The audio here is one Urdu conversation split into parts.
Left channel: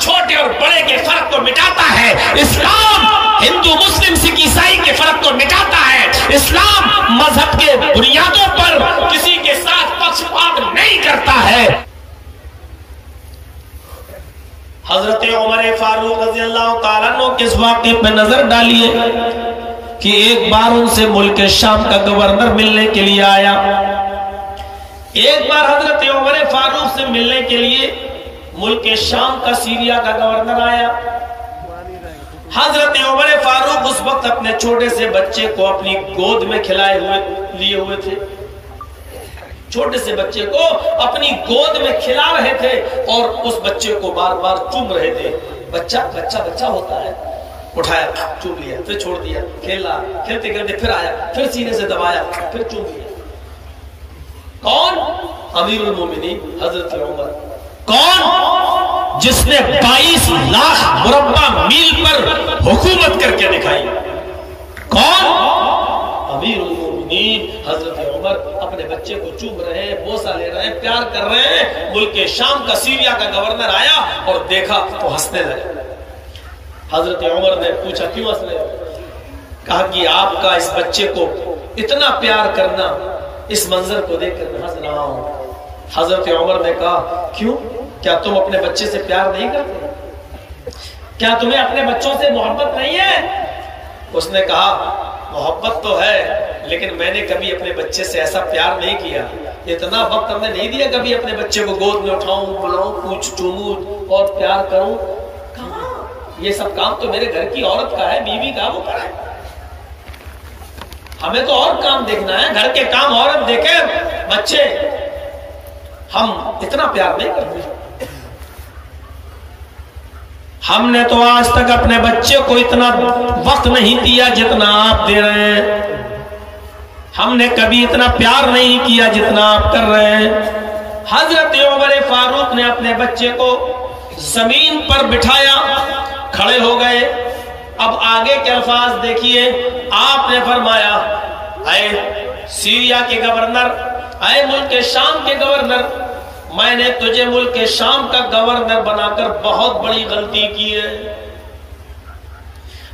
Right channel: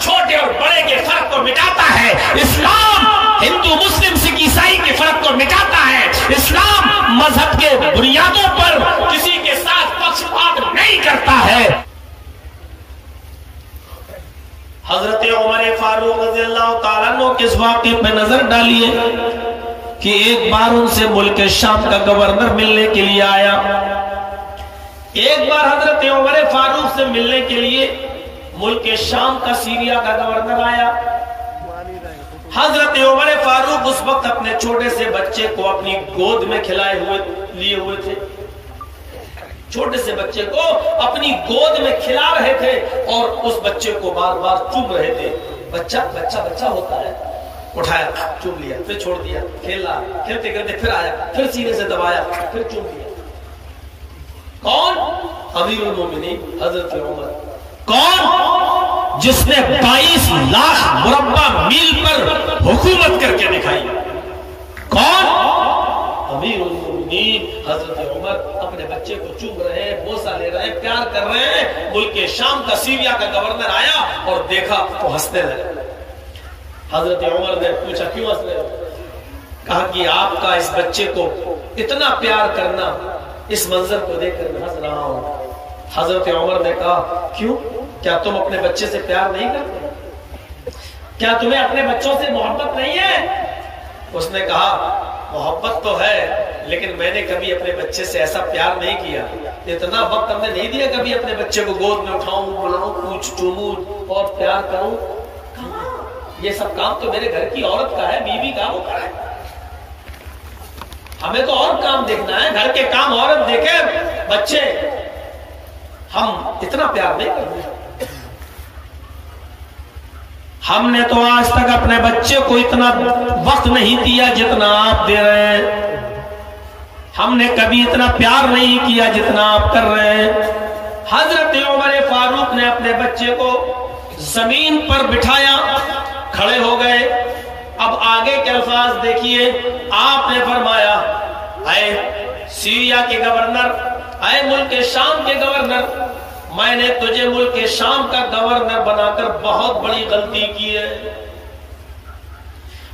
چھوٹے اور بڑے کے فرق کو مٹاتا ہے، اسلام ہندو مسلم سکھ عیسائی کے فرق کو مٹاتا ہے، اسلام مذہب کے بنیادوں پر کسی کے ساتھ پکشپات نہیں کرتا ہے۔ حضرت عمر فاروق رضی اللہ تعالیٰ عنہ کے اس واقعے پہ نظر ڈالیے کہ ایک بار ان سے ملک شام کا گورنر ملنے کے لیے آیا، ایک بار حضرت عمر فاروق سے ملنے کے لیے ملک شام کا سیریا کا گورنر آیا۔ حضرت عمر فاروق اس وقت اپنے چھوٹے سے بچے کو اپنی گود میں لیے ہوئے تھے، چھوٹے سے بچے کو اپنی گود میں کھلا رہے تھے اور اس بچے کو بار بار چوم رہے تھے۔ بچہ ہوتا ہے، اٹھایا، چوم لیا، پھر چھوڑ دیا، کھیلا، کھیلتے کھیلتے پھر آیا، پھر سینے سے دبایا، پھر چوم لیا۔ کون؟ امیر المومنین حضرت عمر۔ کون؟ جس نے 22 لاکھ مربع میل پر حکومت کر کے دکھائی۔ کون؟ امیر المومنین حضرت عمر اپنے بچے کو چوم رہے ہیں، بوسہ لے رہے ہیں، پیار کر رہے ہیں۔ ملک شام کا سیریا کا گورنر آیا اور دیکھا تو ہنسنے لگے۔ حضرت عمر نے پوچھا کیوں ہنس رہے ہو؟ کہا کہ آپ کا اس بچے کو اتنا پیار کرنا، اس منظر کو دیکھ کر ہنس رہا ہوں۔ حضرت عمر نے کہا کیوں؟ کیا تم اپنے بچے سے پیار نہیں کرتے؟ کیا تمہیں اپنے بچوں سے محبت نہیں ہے؟ اس نے کہا محبت تو ہے، لیکن میں نے کبھی اپنے بچے سے ایسا پیار نہیں کیا، اتنا وقت ہم نے نہیں دیا کبھی اپنے بچے کو گود میں اٹھاؤں، بلاؤں، پوچھ چوموں اور پیار کروں۔ یہ سب کام تو میرے گھر کی عورت کا ہے، بیوی کا، وہ کرے۔ ہمیں تو اور کام دیکھنا ہے، گھر کے کام عورت دیکھے، بچے ہم اتنا پیار نہیں کرتے۔ ہم نے تو آج تک اپنے بچے کو اتنا وقت نہیں دیا جتنا آپ دے رہے ہیں، ہم نے کبھی اتنا پیار نہیں کیا جتنا آپ کر رہے ہیں۔ حضرت عمر فاروق نے اپنے بچے کو زمین پر بٹھایا، کھڑے ہو گئے۔ اب آگے کے الفاظ دیکھیے، آپ نے فرمایا اے سیریا کے گورنر، اے ملک شام کے گورنر، میں نے تجھے ملک شام کا گورنر بنا کر بہت بڑی غلطی کی ہے۔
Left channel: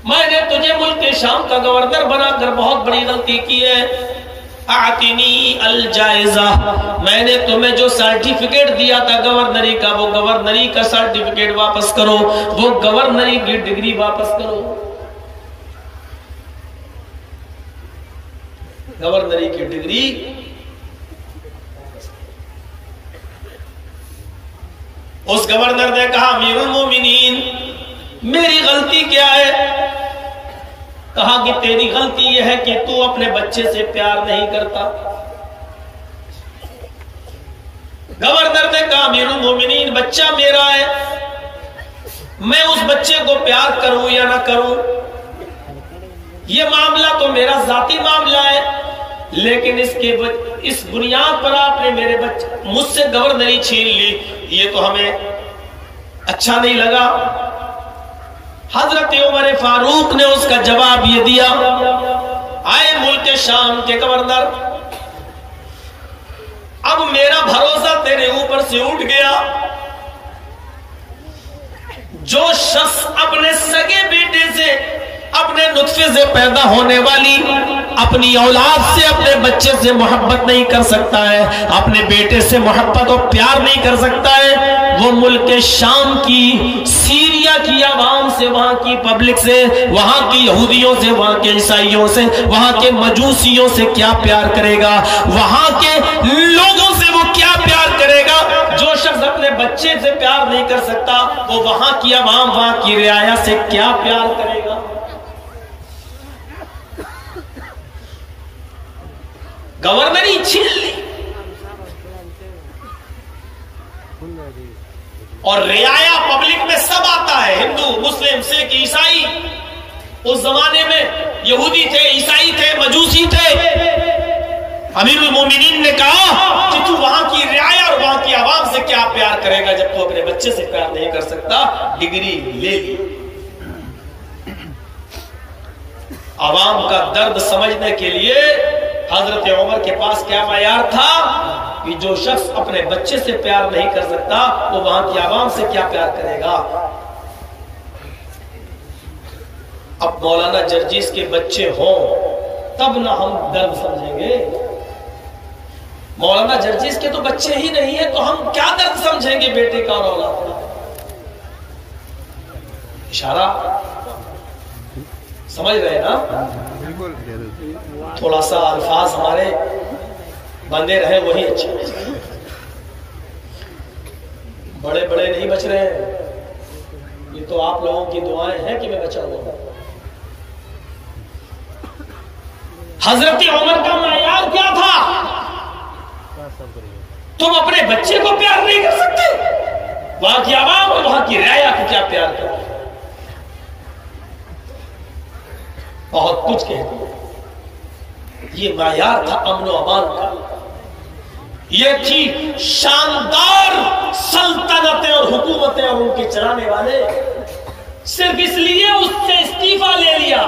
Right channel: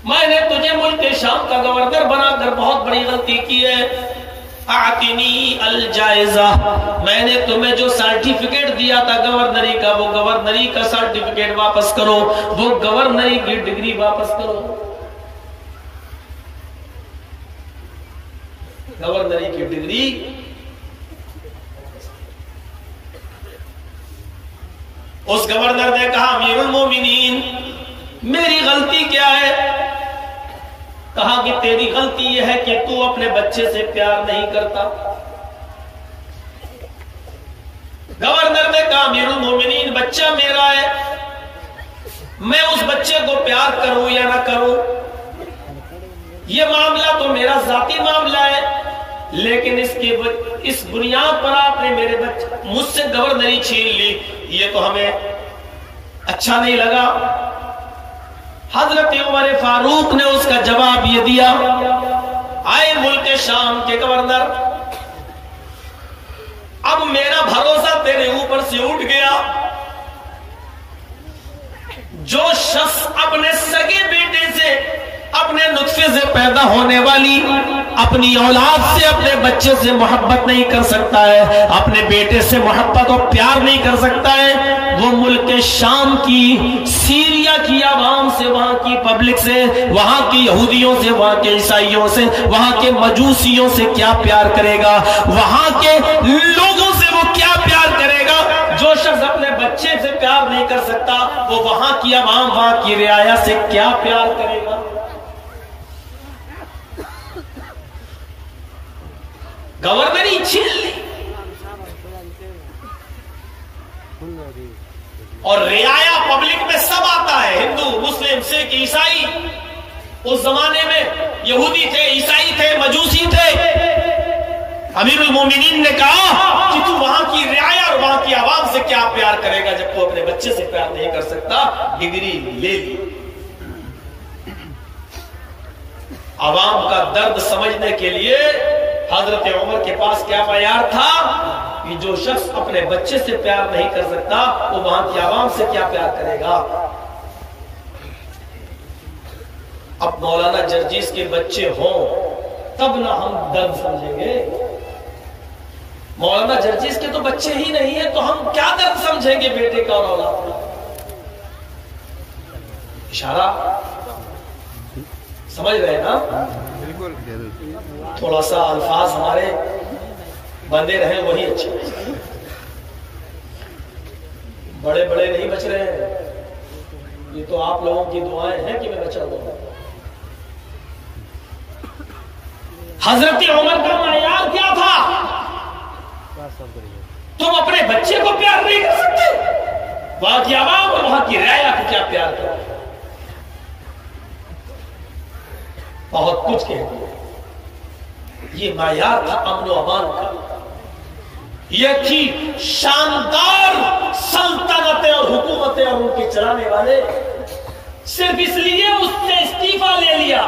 میں نے تجھے ملک شام کا گورنر بنا کر بہت بڑی غلطی کی ہے۔ اعطنی الجائزہ، میں نے تمہیں جو سرٹیفکیٹ دیا تھا گورنری کا، وہ گورنری کا سرٹیفکیٹ واپس کرو، وہ گورنری کی ڈگری واپس کرو۔ گورنری کی ڈگری اس گورنر نے کہا امیر المومنین میری غلطی کیا ہے؟ کہا کہ تیری غلطی یہ ہے کہ تو اپنے بچے سے پیار نہیں کرتا۔ گورنر نے کہا امیر المومنین بچہ میرا ہے، میں اس بچے کو پیار کروں یا نہ کروں یہ معاملہ تو میرا ذاتی معاملہ ہے، لیکن اس بنیاد پر آپ نے میرے بچے مجھ سے گورنری چھین لی، یہ تو ہمیں اچھا نہیں لگا۔ حضرت عمر فاروق نے اس کا جواب یہ دیا، آئے ملک شام کے گورنر، اب میرا بھروسہ تیرے اوپر سے اٹھ گیا۔ جو شخص اپنے سگے بیٹے سے، اپنے نطفے سے پیدا ہونے والی اپنی اولاد سے، اپنے بچے سے محبت نہیں کر سکتا ہے، اپنے بیٹے سے محبت اور پیار نہیں کر سکتا ہے، وہ ملک شام کی، سیریا کی عوام سے، وہاں کی پبلک سے، وہاں کی یہودیوں سے، وہاں کے عیسائیوں سے، وہاں کے مجوسیوں سے کیا پیار کرے گا؟ وہاں کے لوگوں سے وہ کیا پیار کرے گا؟ جو شخص اپنے بچے سے پیار نہیں کر سکتا، وہ وہاں کی عوام، وہاں کی رعایا سے کیا پیار کرے گا؟ گورنری چھین لی اور رعایا پبلک میں سب آتا ہے، ہندو، مسلم، سکھ، عیسائی۔ اس زمانے میں یہودی تھے، عیسائی تھے، مجوسی تھے۔ امیر المومنین نے کہا کہ تو وہاں کی رعایا اور وہاں کی عوام سے کیا پیار کرے گا جب تو اپنے بچے سے پیار نہیں کر سکتا؟ ڈگری لے لی۔ عوام کا درد سمجھنے کے لیے حضرت عمر کے پاس کیا معیار تھا؟ کہ جو شخص اپنے بچے سے پیار نہیں کر سکتا وہ وہاں کی عوام سے کیا پیار کرے گا؟ اب مولانا جرجیز کے بچے ہوں تب نہ ہم درد سمجھیں گے. مولانا جرجیز کے تو بچے ہی نہیں ہیں تو ہم کیا درد سمجھیں گے بیٹے کا اور اولاد کا؟ اشارہ سمجھ رہے نا؟ بالکل. تھوڑا سا الفاظ ہمارے بندے رہے وہی اچھے. بڑے بڑے نہیں بچ رہے ہیں، یہ تو آپ لوگوں کی دعائیں ہیں کہ میں بچا ہوں. حضرت عمر کا معیار کیا تھا؟ تم اپنے بچے کو پیار نہیں کر سکتے، وہاں کی عوام اور وہاں کی رعایا کو کیا پیار کرو؟ بہت کچھ کہتے ہیں. یہ معیار تھا امن و امان کا، یہ تھی شاندار سلطنتیں اور حکومتیں اور ان کے چلانے والے صرف اس لیے اس سے استعفا لے لیا،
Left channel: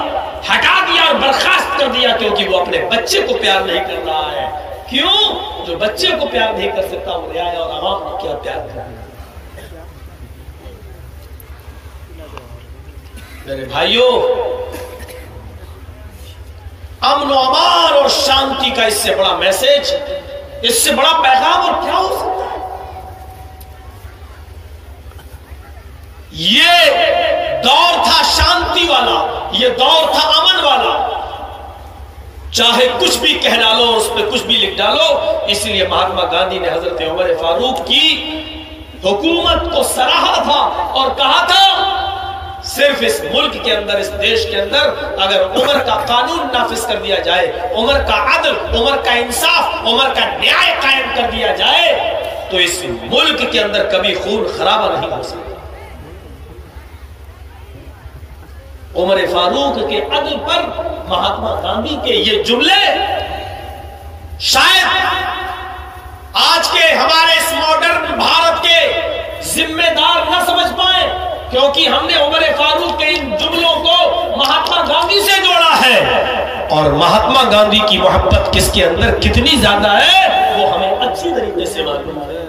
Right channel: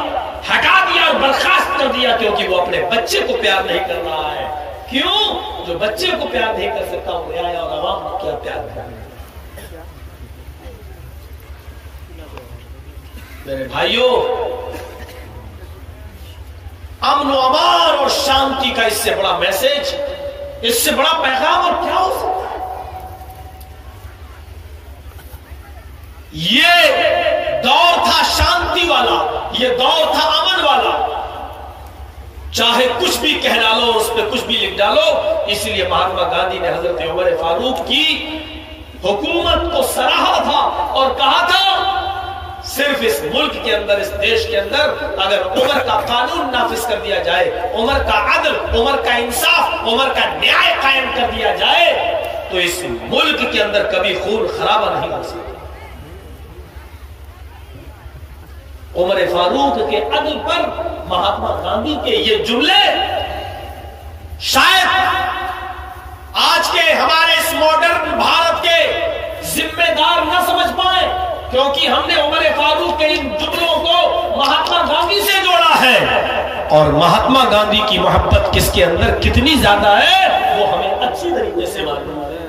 ہٹا دیا اور برخاست کر دیا کیونکہ وہ اپنے بچے کو پیار نہیں کر رہا ہے. کیوں؟ جو بچے کو پیار نہیں کر سکتا وہ رعایا اور عوام کو کیا پیار کر رہا ہے؟ میرے بھائیوں، امن و امان اور شانتی کا اس سے بڑا میسج، اس سے بڑا پیغام اور کیا ہو سکتا ہے؟ یہ دور تھا شانتی والا، یہ دور تھا امن والا. چاہے کچھ بھی کہہ ڈالو، اس پہ کچھ بھی لکھ ڈالو. اس لیے مہاتما گاندھی نے حضرت عمر فاروق کی حکومت کو سراہا تھا اور کہا تھا صرف اس ملک کے اندر، اس دیش کے اندر اگر عمر کا قانون نافذ کر دیا جائے، عمر کا عدل، عمر کا انصاف، عمر کا نیائے قائم کر دیا جائے تو اس ملک کے اندر کبھی خون خرابہ نہیں ہو سکتا. عمر فاروق کے عدل پر مہاتما گاندھی کے یہ جملے شاید آج کے ہمارے اس ماڈرن بھارت کے ذمہ دار نہ سمجھ پائیں، کیونکہ ہم نے عمر فاروق کے ان جملوں کو مہاتما گاندھی سے جوڑا ہے، اور مہاتما گاندھی کی محبت کس کے اندر کتنی زیادہ ہے وہ ہمیں اچھی طریقے سے معلوم ہے.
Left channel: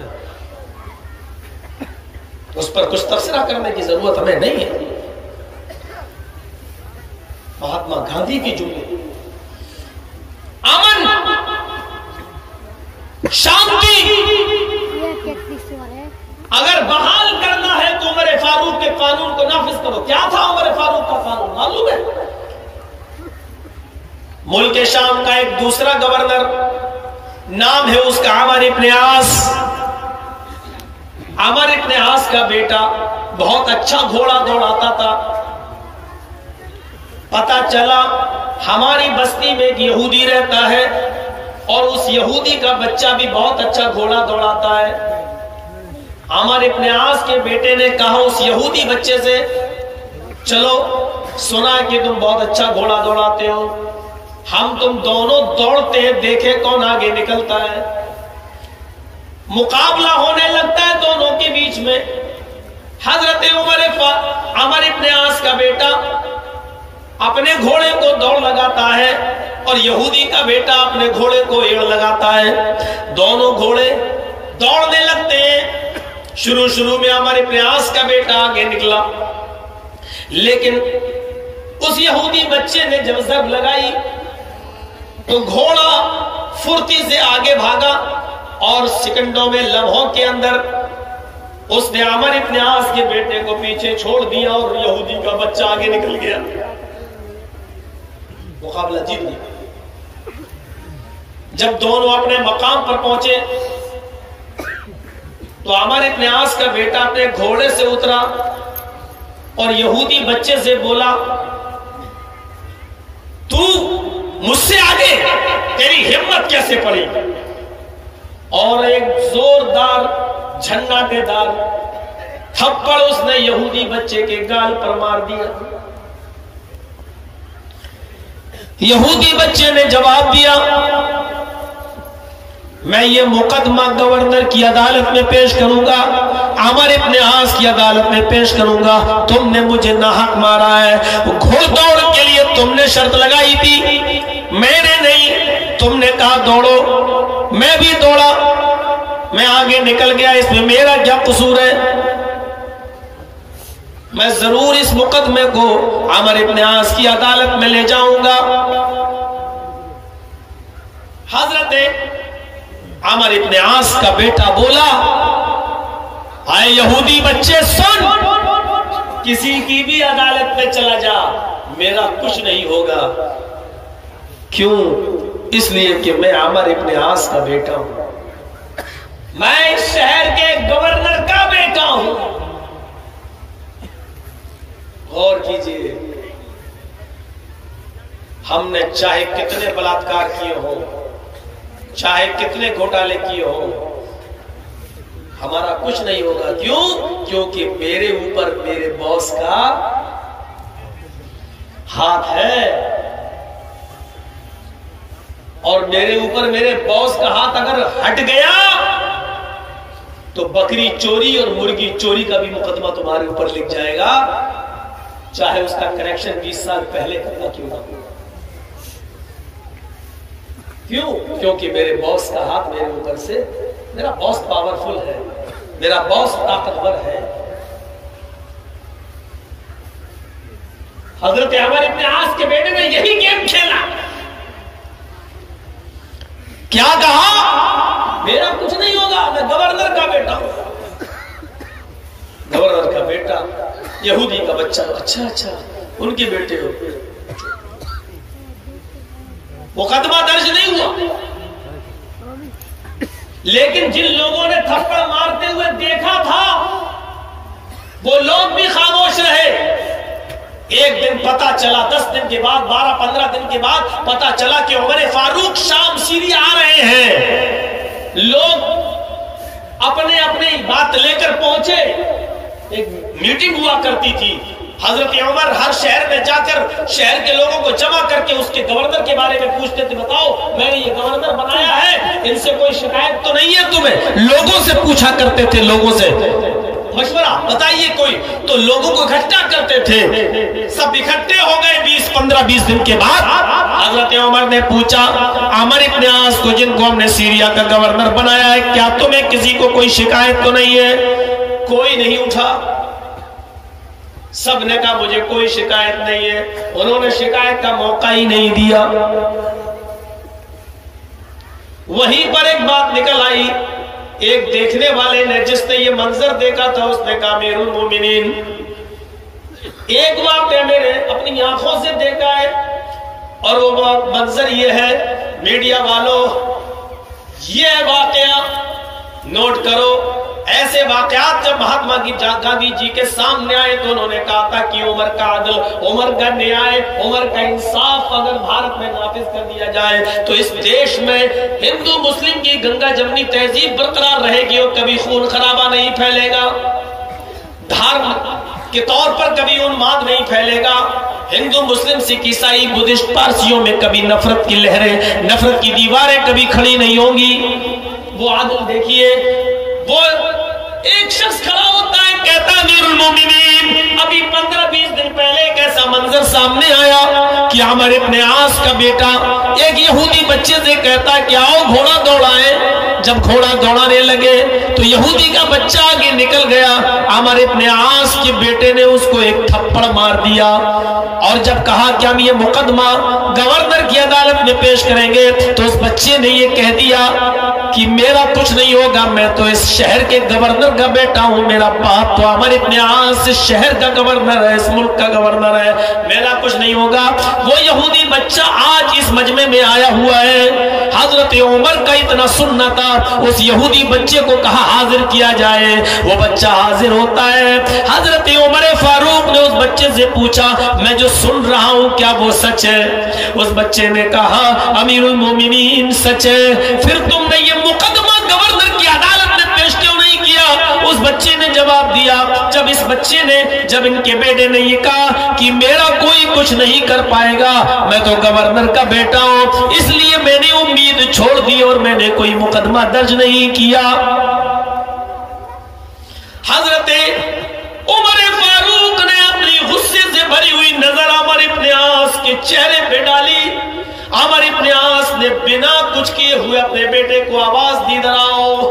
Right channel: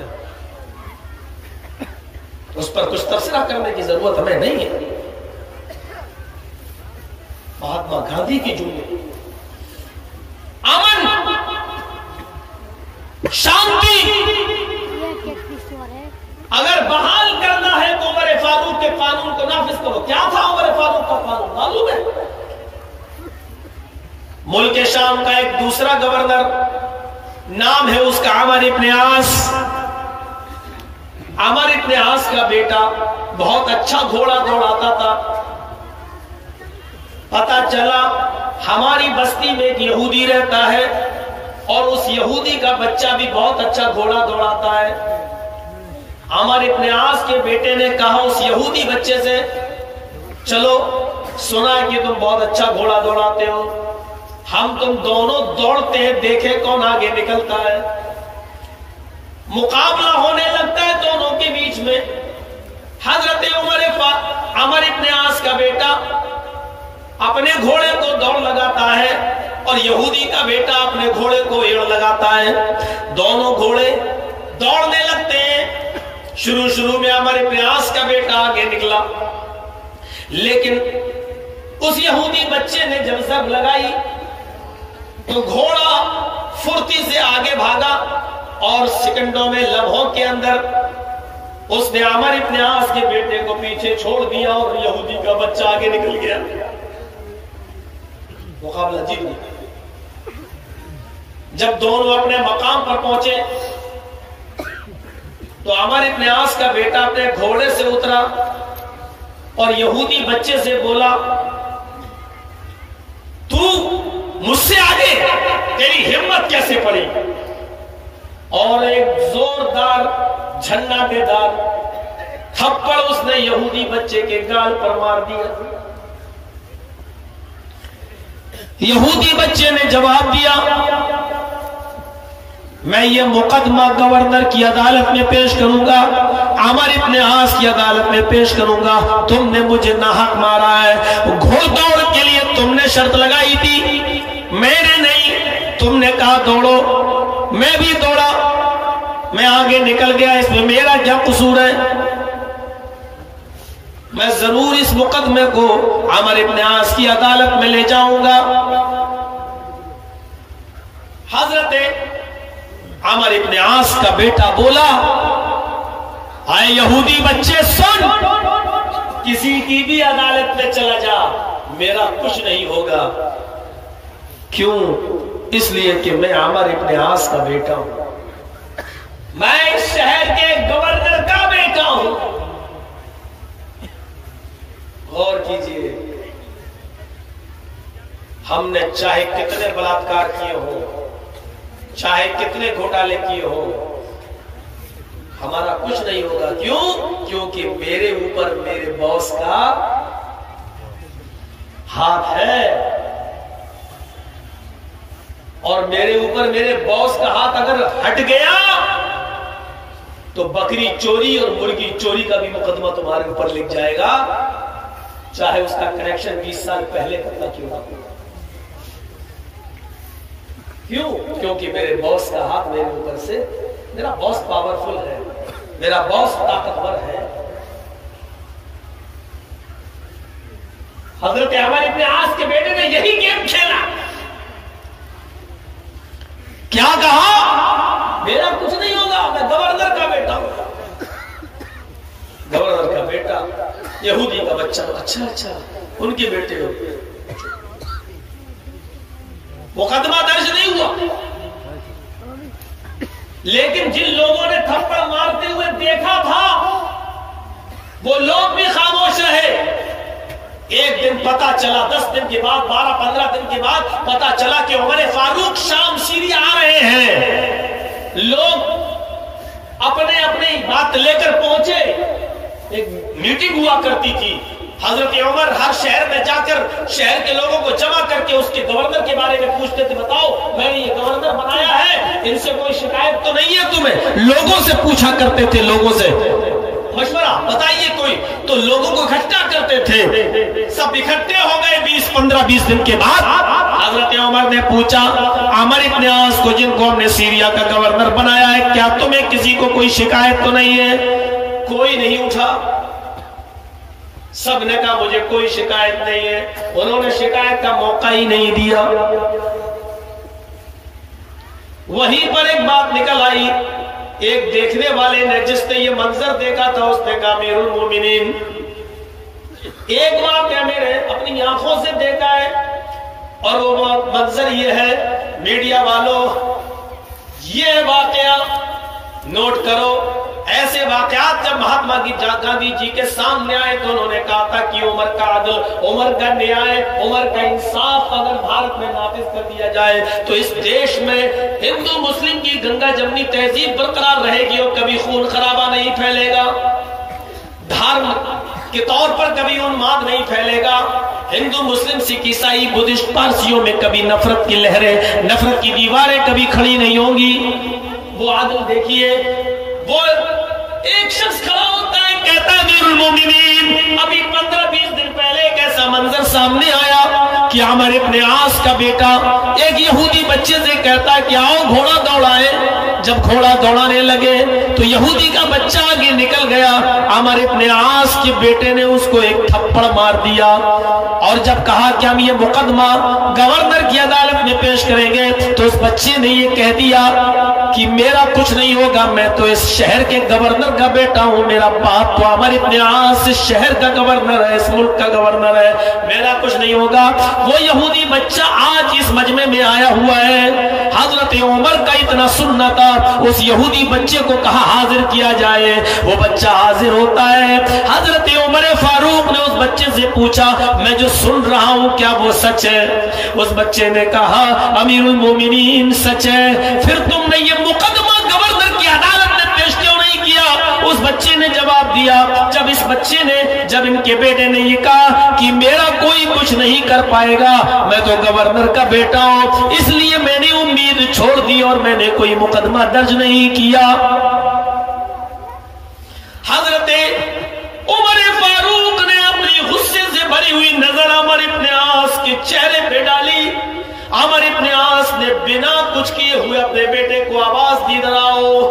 اس پر کچھ تبصرہ کرنے کی ضرورت ہمیں نہیں ہے. مہاتما گاندھی کے جملے امن، شانتی اگر بحال کرنا ہے تو عمر فاروق کے قانون کو نافذ کرو. کیا تھا عمر فاروق کا قانون معلوم ہے؟ ملک شام کا ایک دوسرا گورنر، نام ہے اس کا عمر ابن عاص. عمر ابن عاص کا بیٹا بہت اچھا گھوڑا دوڑاتا تھا. پتا چلا ہماری بستی میں ایک یہودی رہتا ہے اور اس یہودی کا بچہ بھی بہت اچھا گھوڑا دوڑاتا ہے. عمر ابن عاص کے بیٹے نے کہا اس یہودی بچے سے، چلو سنا کہ تم بہت اچھا گھوڑا دوڑاتے ہو، ہم تم دونوں دوڑتے ہیں، دیکھیں کون آگے نکلتا ہے. مقابلہ ہونے لگتا ہے دونوں کے بیچ میں. حضرت عمر ابن عاص کا بیٹا اپنے گھوڑے کو دوڑ لگاتا ہے اور یہودی کا بیٹا اپنے گھوڑے کو ایڑ لگاتا ہے. دونوں گھوڑے دوڑنے لگتے ہیں. شروع میں عمر ابن عاص کا بیٹا آگے نکلا، لیکن اس یہودی بچے نے جب ضرب لگائی تو گھوڑا پھرتی سے آگے بھاگا اور سیکنڈوں میں، لمحوں کے اندر اس نے عمر ابن عاص کے بیٹے کو پیچھے چھوڑ دیا اور یہودی کا بچہ آگے نکل گیا. مقابلہ جیت گیا. جب دونوں اپنے مقام پر پہنچے تو عمر ابن عاص کا بیٹا اپنے گھوڑے سے اترا اور یہودی بچے سے بولا، تو مجھ سے آگے، تیری ہمت کیسے پڑی؟ اور ایک زوردار جھناٹے دار تھپڑ اس نے یہودی بچے کے گال پر مار دیا. یہودی بچے نے جواب دیا، میں یہ مقدمہ گورنر کی عدالت میں پیش کروں گا، عمر ابن عاص کی عدالت میں پیش کروں گا. تم نے مجھے ناحق مارا ہے. گھوڑ دوڑ کے لیے تم نے شرط لگائی تھی، میں نے نہیں. تم نے کہا دوڑو، میں بھی دوڑا. میں آگے نکل گیا، اس میں میرا کیا قصور ہے؟ میں ضرور اس مقدمے کو عمرو ابن عاص کی عدالت میں لے جاؤں گا۔ حضرت عمرو ابن عاص کا بیٹا بولا، اے یہودی بچے سن، کسی کی بھی عدالت میں چلا جا، میرا کچھ نہیں ہوگا۔ کیوں؟ اس لیے کہ میں عمرو ابن عاص کا بیٹا ہوں، میں اس شہر کے گورنر کا بیٹا ہوں۔ غور کیجئے، ہم نے چاہے کتنے بلاತ್ಕಾರ کیے ہوں، چاہے کتنے گھوٹالے کیے ہوں، ہمارا کچھ نہیں ہوگا۔ کیوں؟ کیونکہ میرے اوپر میرے باس کا ہاتھ ہے، اور میرے اوپر میرے باس کا ہاتھ اگر ہٹ گیا تو بکری چوری اور مرغی چوری کا بھی مقدمہ تمہارے اوپر لکھ جائے گا، چاہے اس کا کنیکشن 20 سال پہلے کرنا کیوں نہ ہو۔ کیوں؟ کیونکہ میرے باس کا ہاتھ میرے اوپر سے، میرا باس پاورفل ہے، میرا باس طاقتور ہے۔ حضرت عمرو ابن عاص کے بیٹے نے یہی گیم کھیلا، کیا کہا؟ میرا کچھ نہیں ہوگا، میں گورنر کا بیٹا ہوں۔ گورنر کا بیٹا، یہودی کا بچہ، اچھا ان کے بیٹے ہو۔ مقدمہ درج نہیں ہوا، لیکن جن لوگوں نے تھپڑ مارتے ہوئے دیکھا تھا وہ لوگ بھی خاموش رہے۔ ایک دن پتا چلا، 10 دن کے بعد، 12-15 دن کے بعد پتا چلا کہ عمر فاروق شام سیریا آ رہے ہیں۔ لوگ اپنے اپنی بات لے کر پہنچے۔ ایک میٹنگ ہوا کرتی تھی، حضرت عمر ہر شہر میں جا کر شہر کے لوگوں کو جمع کر کے اس کے گورنر کے بارے میں پوچھتے تھے، بتاؤ میں نے یہ گورنر بنایا ہے، ان سے کوئی شکایت تو نہیں ہے تمہیں؟ لوگوں سے پوچھا کرتے تھے، لوگوں سے مشورہ، بتائیے کوئی، تو لوگوں کو اکٹھا کرتے تھے۔ سب اکٹھے ہو گئے 15-20 دن کے بعد۔ حضرت عمر نے پوچھا عمرو ابن عاص کو، جن کو ہم نے سیریا کا گورنر بنایا ہے، کیا تمہیں کسی کو کوئی شکایت تو نہیں ہے؟ کوئی نہیں اٹھا، سب نے کہا مجھے کوئی شکایت نہیں ہے۔ انہوں نے شکایت کا موقع ہی نہیں دیا۔ وہیں پر ایک بات نکل آئی، ایک دیکھنے والے نے، جس نے یہ منظر دیکھا تھا، اس نے کہا امیر المومنین، ایک واقعہ میں نے اپنی آنکھوں سے دیکھا ہے، اور وہ منظر یہ ہے، میڈیا والوں یہ واقعہ نوٹ کرو۔ ایسے واقعات جب مہاتما گاندھی جی کے سامنے آئے تو انہوں نے کہا تھا کہ عمر کا عدل، عمر کا نیائے، عمر کا انصاف اگر بھارت میں نافذ کر دیا جائے تو اس دیش میں ہندو مسلم کی گنگا جمنی تہذیب برقرار رہے گی اور کبھی خون خرابہ نہیں پھیلے گا، دھرم کے طور پر کبھی انماد نہیں پھیلے گا، ہندو مسلم سکھ عیسائی بدھسٹ پارسیوں میں کبھی نفرت کی لہریں، نفرت کی دیواریں کبھی کھڑی نہیں ہوں گی۔ وہ عدل دیکھیے، وہ ایک شخص کھڑا ہوتا ہے، کہتا ہے امیر المومنین، ابھی 15-20 دن پہلے ایک ایسا منظر سامنے آیا کہ عمرو ابن عاص کا بیٹا ایک یہودی بچے سے کہتا ہے کہ آؤ گھوڑا دوڑائے۔ جب گھوڑا دوڑانے لگے تو یہودی کا بچہ آگے نکل گیا، عمرو ابن عاص کے بیٹے نے اس کو ایک تھپڑ مار دیا، اور جب کہا کہ ہم یہ مقدمہ گورنر کی عدالت میں پیش کریں گے تو اس بچے نے یہ کہہ دیا کہ میرا کچھ نہیں ہوگا، میں تو اس شہر کے گورنر کا بیٹا ہوں، میرا باپ تو عمرو ابن عاص اس شہر کا گورنر ہے، اس ملک کا گورنر ہے، میرا کچھ نہیں ہوگا۔ وہ یہودی بچہ آج اس مجمع میں آیا ہوا ہے، حضرت عمر کا اتنا سننا تھا، اس یہودی بچے کو کہا حاضر کیا جائے، وہ بچہ حاضر ہوتا ہے۔ حضرت عمر فاروق نے اس بچے سے پوچھا میں جو سن رہا ہوں کیا وہ سچ ہے؟ اس بچے نے کہا امیر المومنین سچ ہے۔ پھر تم نے یہ مقدمہ گورنر کی عدالت میں پیش کیوں نہیں کیا؟ اس بچے نے جواب دیا، جب ان کے بیٹے نے یہ کہا کہ میرا کوئی کچھ نہیں کر پائے گا، میں تو گورنر کا بیٹا ہوں، اس لیے میں نے امید چھوڑ دی اور میں نے کوئی مقدمہ درج نہیں کیا۔ حضرت عمر فاروق نے اپنی غصے سے بھری ہوئی نظر عمر ابن عاص کے چہرے پہ ڈالی۔ عمر ابن عاص نے بنا کچھ کیے ہوئے اپنے بیٹے کو آواز دی، ادھر آؤ۔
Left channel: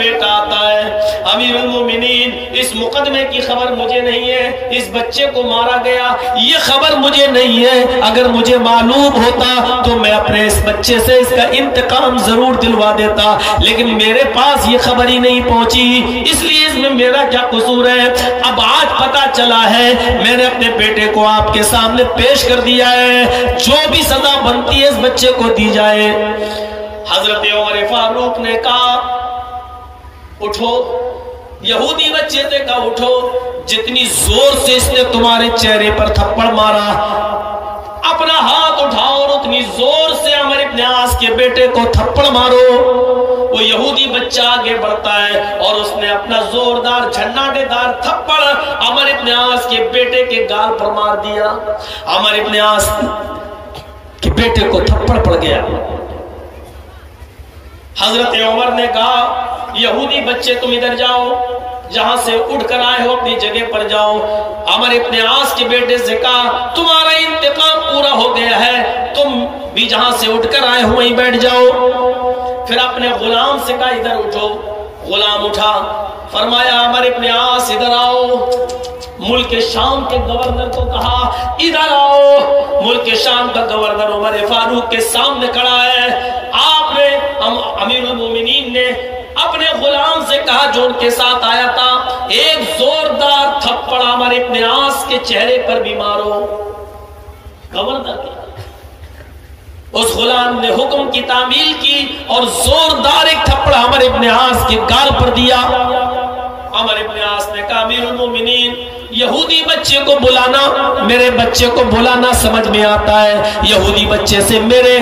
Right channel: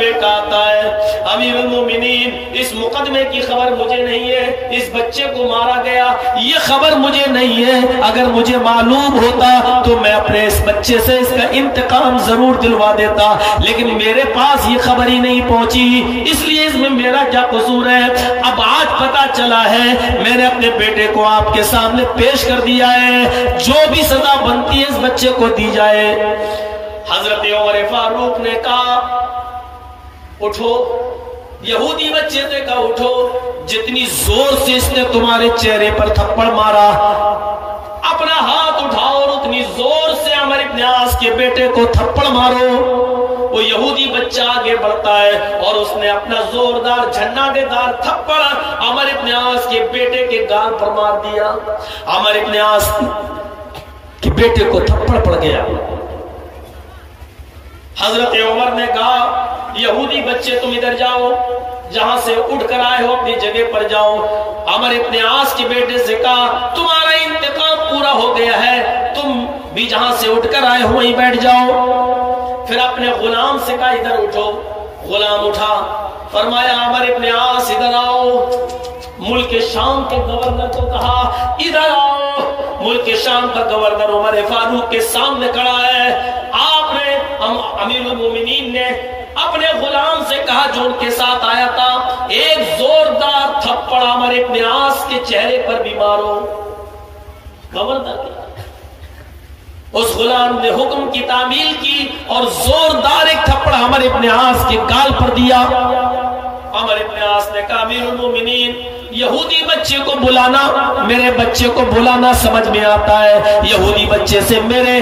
بیٹا آتا ہے، امیر المومنین اس مقدمے کی خبر مجھے نہیں ہے، اس بچے کو مارا گیا یہ خبر مجھے نہیں ہے، اگر مجھے معلوم ہوتا تو میں اپنے اس بچے سے اس کا انتقام ضرور دلوا دیتا، لیکن میرے پاس یہ خبر ہی نہیں پہنچی، اس لیے اس میں میرا کیا قصور ہے؟ اب آج پتا چلا ہے، میں نے اپنے بیٹے کو آپ کے سامنے پیش کر دیا ہے، جو بھی سزا بنتی ہے اس بچے کو دی جائے۔ حضرت عمر فاروق نے کہا اٹھو، یہودی بچے سے کہا اٹھو، جتنی زور سے اس نے تمہارے چہرے پر تھپڑ مارا اپنا ہاتھ اٹھاؤ اور اتنی زور سے عمر ابن عاص کے بیٹے کو تھپڑ مارو۔ وہ یہودی بچہ آگے بڑھتا ہے اور اس نے اپنا زوردار جھناٹے دار تھپڑ عمر ابن عاص کے بیٹے کے گال پر مار دیا۔ عمر ابن عاص کے بیٹے کو تھپڑ پڑ گیا۔ حضرت عمر نے کہا یہودی بچے تم ادھر جاؤ، جہاں سے اٹھ کر آئے ہو اپنی جگہ پر جاؤ۔ عمر ابن عاص کے بیٹے سے کہا تمہارا انتقام پورا ہو گیا ہے، تم بھی جہاں سے اٹھ کر آئے ہو وہیں بیٹھ جاؤ۔ پھر اپنے غلام سے کہا ادھر اٹھو، غلام اٹھا، فرمایا عمر ابن عاص ادھر آؤ۔ ملک شام کے گورنر کو کہا ادھر آؤ۔ ملک شام کا گورنر عمر فاروق کے سامنے کھڑا ہے۔ آپ نے امیر المومنین نے اپنے غلام سے کہا جو ان کے ساتھ آیا تھا ایک زوردار تھپڑ عمر ابن عاص کے چہرے پر بھی مارو۔ گورنر اس غلام نے حکم کی تعمیل کی اور زوردار ایک تھپڑ عمر ابن عاص کے گال پر دیا۔ عمر ابن عاص نے کہا امیر المومنین یہودی بچے کو بلانا، میرے بچے کو بلانا سمجھ میں آتا ہے، یہودی بچے سے میرے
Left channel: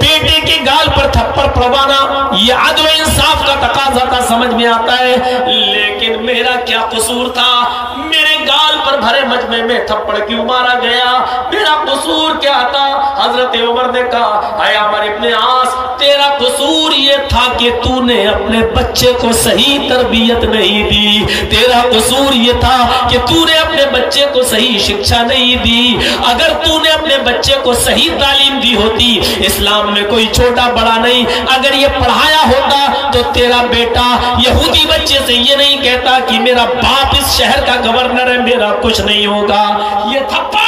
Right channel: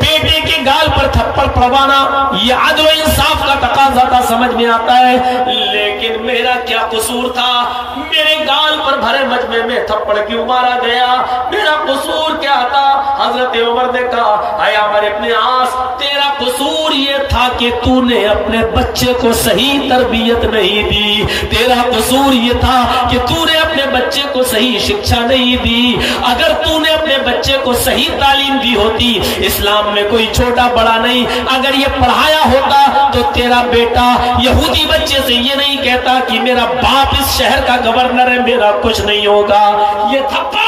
بیٹے کے گال پر تھپڑ پڑوانا یہ عدل و انصاف کا تقاضا تھا، سمجھ میں آتا ہے، لیکن میرا کیا قصور تھا؟ میرے گال پر بھرے مجمع میں تھپڑ کیوں مارا گیا؟ میرا قصور کیا تھا؟ حضرت عمر نے کہا اے عمر ابن عاص تیرا قصور یہ تھا کہ تو نے اپنے بچے کو صحیح تربیت نہیں دی، تیرا قصور یہ تھا کہ تو نے اپنے بچے کو صحیح شکشا نہیں دی۔ اگر تو نے اپنے بچے کو صحیح تعلیم دی ہوتی، اسلام میں کوئی چھوٹا بڑا نہیں، اگر یہ پڑھایا ہوتا تو تیرا بیٹا یہودی بچے سے یہ نہیں کہتا کہ میرا باپ اس شہر کا گورنر ہے میرا کچھ نہیں ہوگا۔ یہ تھپڑ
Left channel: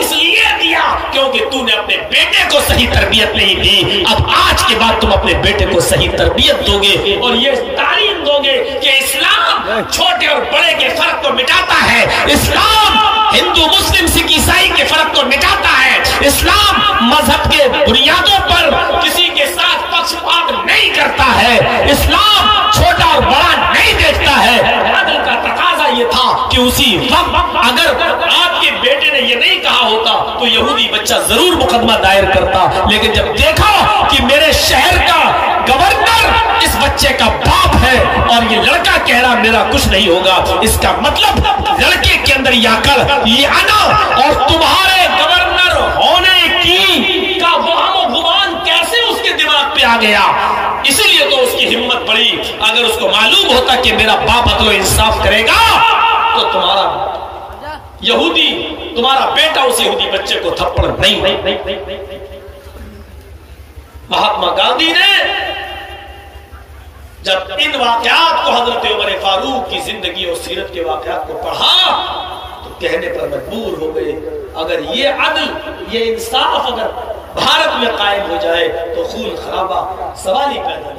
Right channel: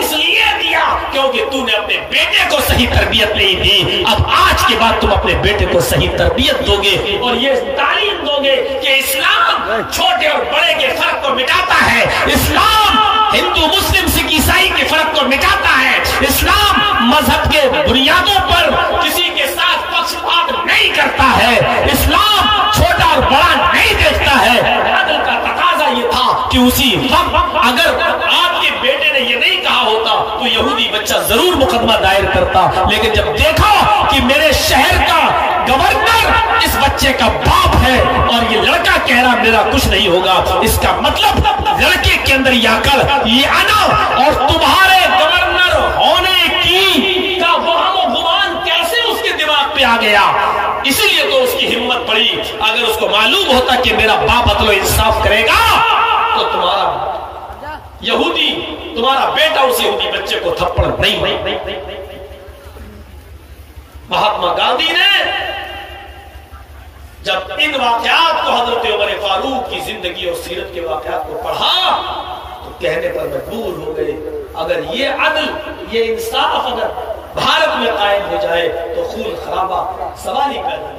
اس لیے دیا کیونکہ تو نے اپنے بیٹے کو صحیح تربیت نہیں دی، اب آج کے بعد تم اپنے بیٹے کو صحیح تربیت دو گے اور یہ تعلیم دو گے کہ اسلام چھوٹے اور بڑے کے فرق کو مٹاتا ہے، اسلام ہندو مسلم سکھ عیسائی کے فرق کو مٹاتا ہے، اسلام مذہب کے بنیادوں پر کسی کے ساتھ پکشپات نہیں کرتا ہے، اسلام چھوٹا اور بڑا نہیں دیکھتا ہے۔ عدل کا تقاضا یہ تھا کہ اسی وقت اگر آپ کے بیٹے نے یہ نہیں کہا ہوتا تو یہودی بچہ ضرور مقدمہ دائر کرتا، لیکن جب دیکھا کہ میرے شہر کا گورنر اس بچے کا باپ ہے اور یہ لڑکا کہہ رہا میرا کچھ نہیں ہوگا، اس کا مطلب لڑکے کے اندر یہ عقل، یہ عدل اور تمہارے گورنر ہونے کی کا وہم و گمان کیسے اس کے دماغ پہ آ گیا؟ اسی لیے تو اس کی ہمت بڑی، اگر اس کو معلوم ہوتا کہ میرا باپ عدل و انصاف کرے گا تو تمہارا یہودی تمہارا بیٹا اس یہودی بچے کو تھپڑ نہیں۔ مہاتما گاندھی نے جب ان واقعات کو حضرت عمر فاروق کی زندگی اور سیرت کے واقعات کو پڑھا تو کہنے پر مجبور ہو گئے اگر یہ عدل یہ انصاف اگر بھارت میں قائم ہو جائے تو خون خرابہ سوال ہی پیدا